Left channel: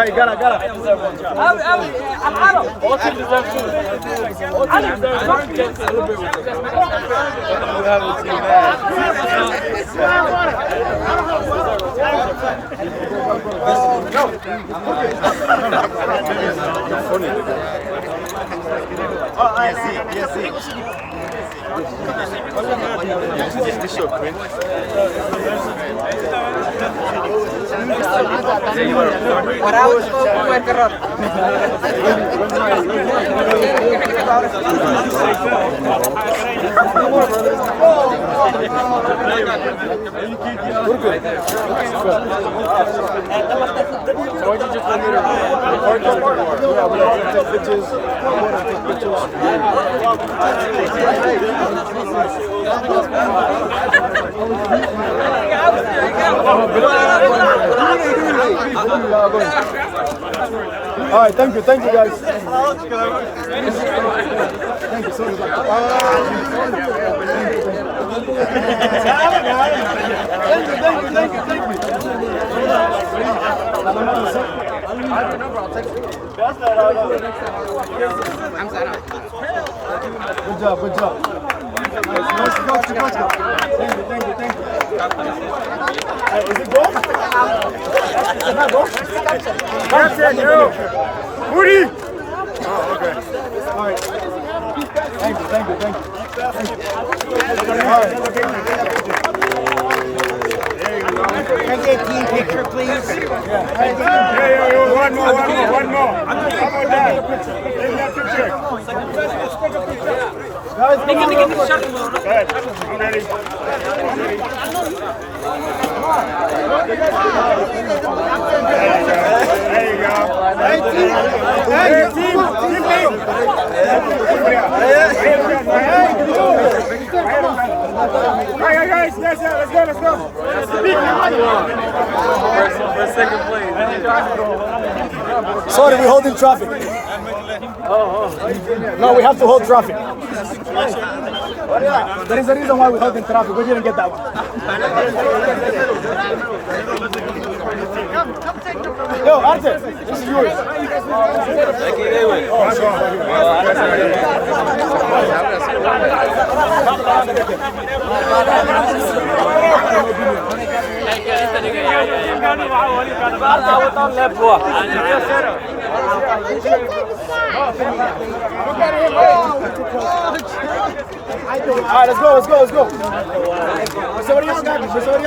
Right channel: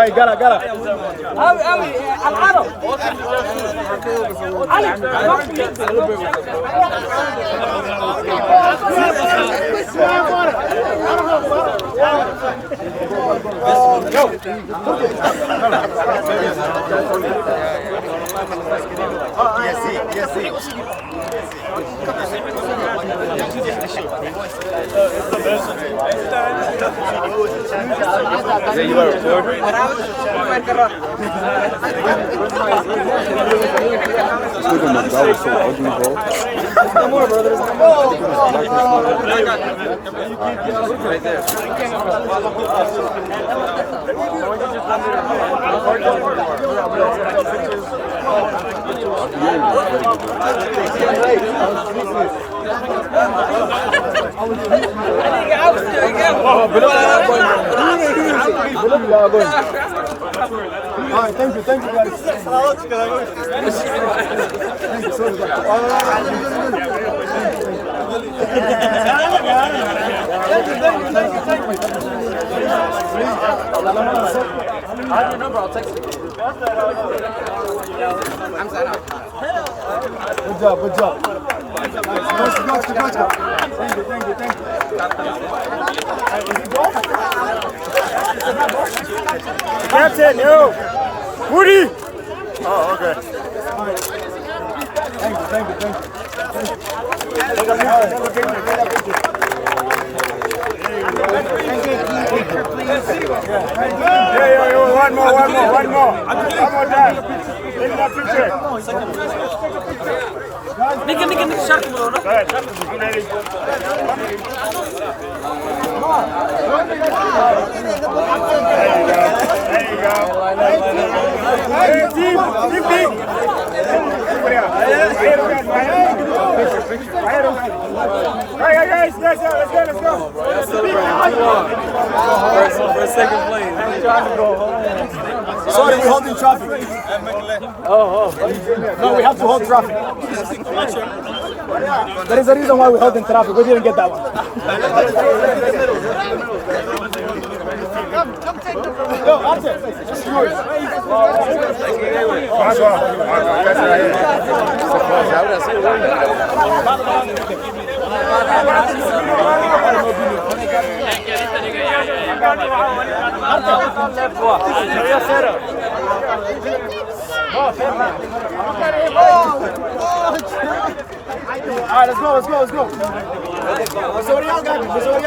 هاي قرا All right, thank you guys. Thank you so much. Thank you. Good job. Nice. Thank you. Is it goal? It's not goal? That's it, yo. Woody! Oh, okay. All right. Thank you. All right. Take a picture. There you go. Can I get a team picture, please? Yeah. Hey, yo, one more. One more time. Take that picture. Guys, come on. Go ahead. I'm ready. There you go. Hey, team. Hey, guys. Let's go. For second place. Sorry, we're holding traffic. No, we have to hold traffic. There is a reason why we're holding traffic. We didn't get that one. Yo, Arthur, this is yours. Oh, sure, right here. All right, let's go. Mr. Orion,